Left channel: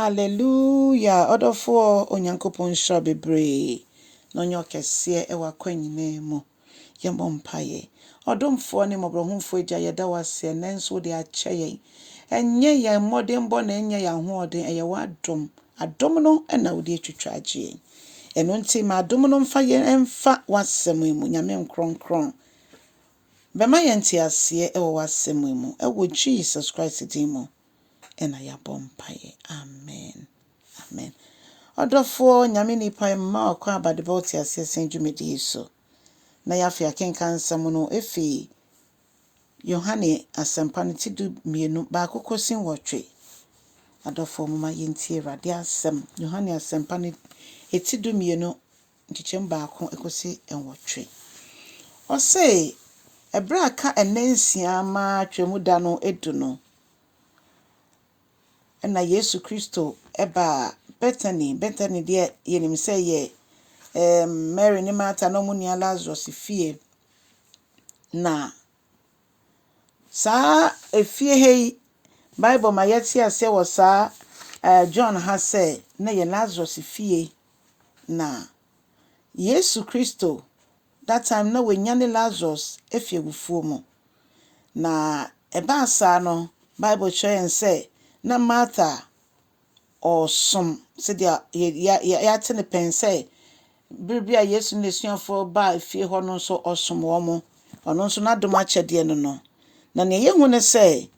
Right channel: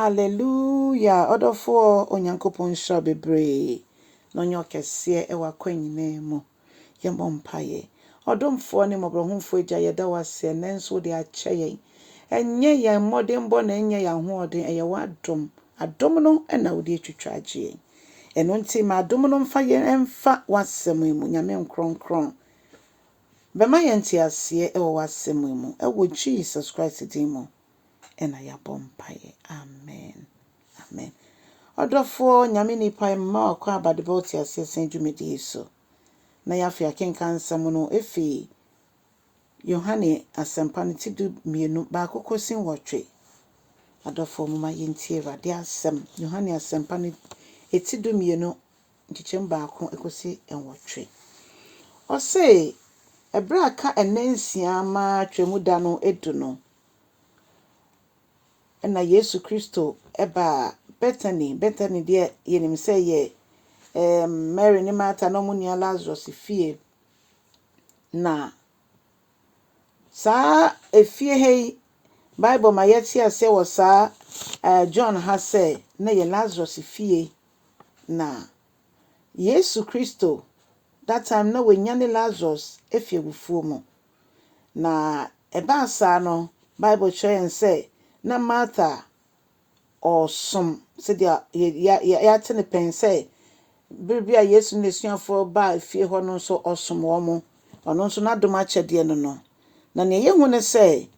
Hallelujah. Odofo onyankopon shra bebre. No nyo kese e wakwanyine mo. Yembo mpaye. Odomfo ne mobrohumfo agya yeda wase nenso de ache yen. Enye ya modern bo na enye ya hoden eye wadom. Adom no na wo de twitwa agye. Eno nti ma adom no mfa yen emfa wasem mu nyame nkronkron. Bema yenti ase e wasem mu. E wo Jesus Christ dimo. Ena ya bompaye. Amen. Amen. Odofo nyame nipa ma kwa abadeboti asesen dwumedi so. Na ya fi akenkan nsem no efi Yohanne asempane tidu mienu ba kokosin wotwe. Adofo mama yenti Awurade asem Yohanne asempane etidu mienu nkichem ba ko ekosi enwotwe. Ose ebra ka enansia ma twemu da no edu no. Na Yesu Kristo eba Bethany de yenim say ye Mary ni Martha no munia Lazarus fie na sa efie hei Bible ma yeti ase wo sa John ha say na ye Lazarus fie na Yesu Kristo that time na wenyane Lazarus efie gufuo mu na eba sa no Bible show say na Martha or some said ya tene pen say bibia Yesu nesuafo ba fie ho no so osomo mo ono so na doma chede no na ne yehu ne say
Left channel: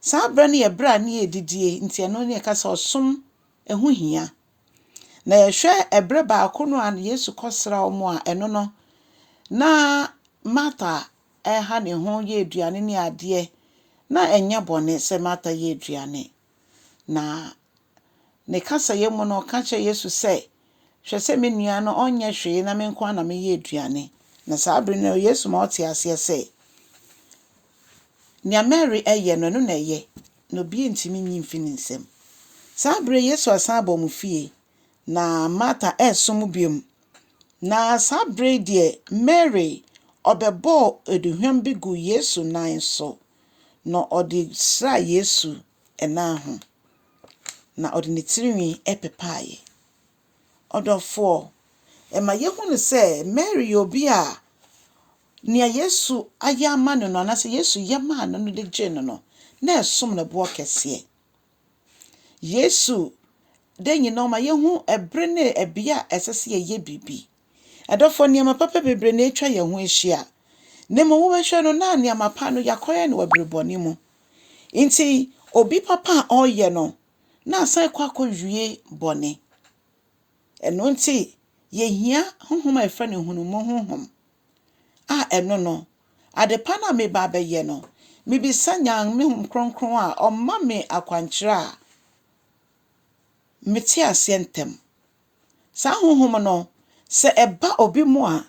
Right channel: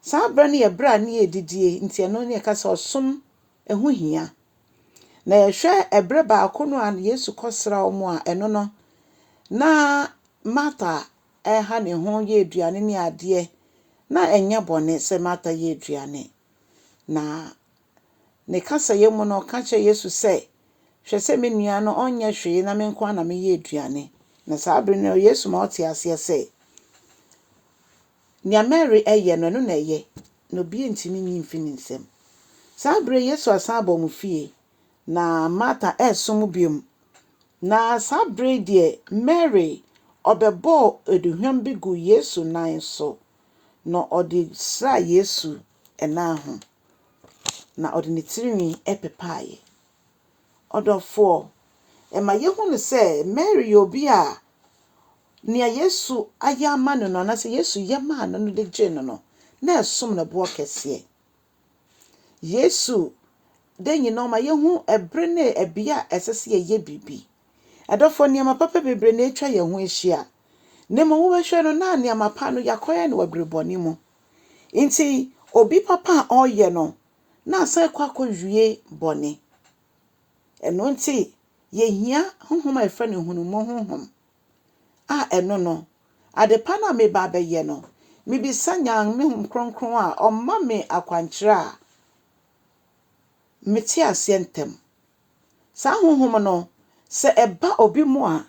sa bra ne ye bra ne edidie nti eno ne ka sa osom ehu hia na ye hwe ebre ba akono an Yesu kosra omo a eno no na Martha ha ne ho ye aduane ne ade na enya bone se Martha ye aduane na ne kasa ye mu no ka che Yesu se hwe se me nua no onye hwe na me nko na me ye aduane na sa abre no Yesu ma ote ase se nia Mary eye no no na ye no bi ntimi nyi mfini nsem sa abre Yesu asan ba mu fie na Martha esom biom na sa abre de Mary obebo eduhwam bi gu Yesu nan so no odi sra Yesu ena ho na ordinary epepaye odofo ema yehu ne se Mary obi a nia Yesu ayama no na se Yesu yama no de gye no na esom na bo kese Yesu denyi no ma yehu ebre ne ebia esese ye bibi adofo niam papa bebre na etwa ye ho ehia nemo wo behwe no na niam pa no yakoye na wabreboni mu nti obi papa oye no na sai kwa wie bone eno nti ye hia honhom efa ne hunumo honhom a eno no adepa na me ba be ye no me bi sanya me hum kronkron a omma me akwankyere a meti ase ntem sa honhom no se eba obi mu a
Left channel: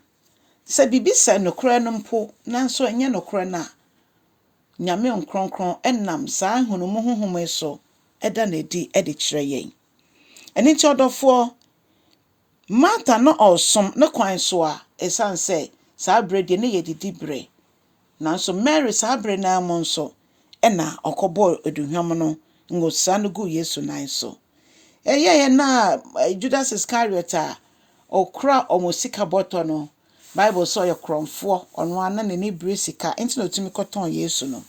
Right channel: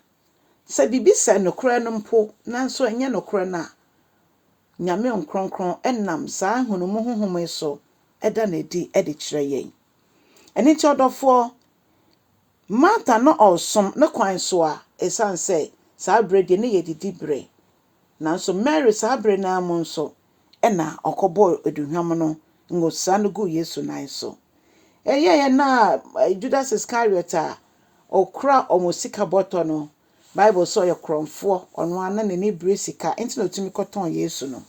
se bibi se nokora no mpo nanso enye nokora na nyame nkronkron enam sa hunumo honhom so eda na di edi kire yen eni ti odofo Martha no osom ne kwan so a esan say sa brede ne yedidi bre nanso Mary sa bre na mo nso ena okobo eduhwam no ngosa no gu Yesu nan so ye na Judas Iscariot a okra omosika boto no Bible so ye kronfo ono ana ne ni bre sika enti no tumi koton Yesu no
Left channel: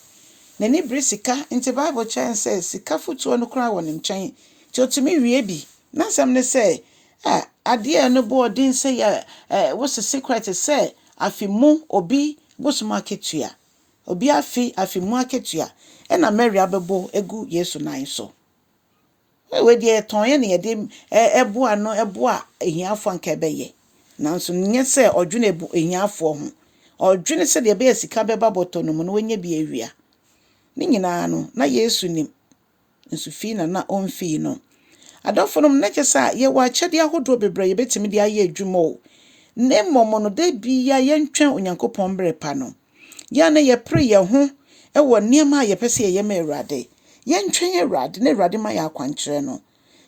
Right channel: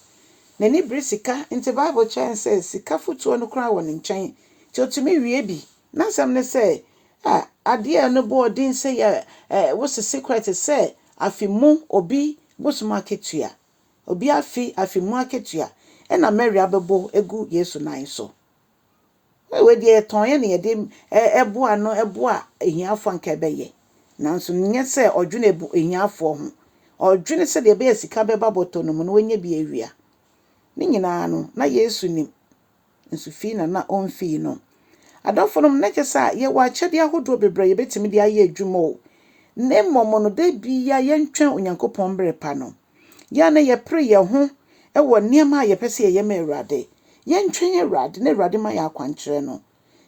ne ni bre sika enti Bible chen says sika futuo no kra won nchen ti otumi wie bi na sam ne say ade no bo odin say what's the secret say afimu obi bosuma ketua obi afimu aketua ena Mary abebo egu Yesu nan so we de ton ye ne de eboa no eboa ehiafo anka beye nanso nye say odwene ebu ehiafo ho odwene se de be sika beba boto no no wenye bi awia ni nyina no na Yesu nim nso fi na onfi no adofo na kyesa ye wa kyede ahodo bebre ye betimi de aye adwuma o ne momo no de bia ye ntwen onyankopon brepa no ya na ye pre ye ho e wo niam a ye pese ye ma Awurade ye ntwen Awurade na Awurade ma ya akwankyere no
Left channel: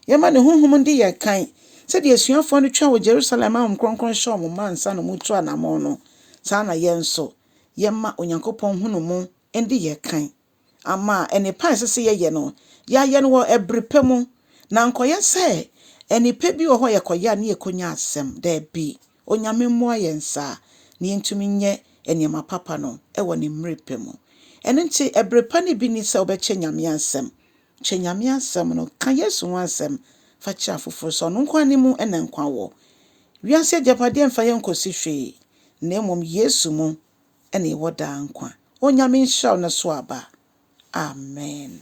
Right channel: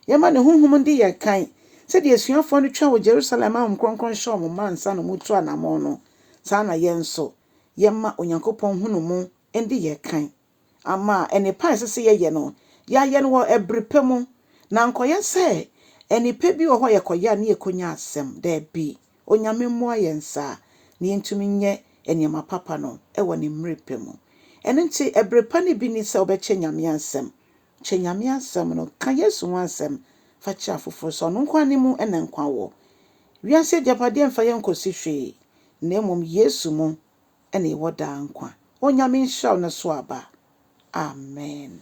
ye ma ne honhom ndi ye kan se de asuafo no twa wo Jerusalem am kronkron show mo mansa no mutu anamo no sa na ye nso ye ma onyankopon hunumu ndi ye kan ama ene pa sese ye no ya ye no wo ebrepemu Na nkoye se enipa bi wo ho yekoya na yekonya asem da bi onyame mmoa yensa na yentumi nye enema papa no ewo ne mrepe mu. Eno nti ebrepa ne bi ni se obeche nyame asem. Che nyame asem no ka Yesu ho asem fa cha foforo so no nkwa ne mu ena nkwa wo. Wiase japade mfa yenkosi hwe na emom Yesu mu ena ewo da nkwa. Onyame nhyira no so aba. Amen.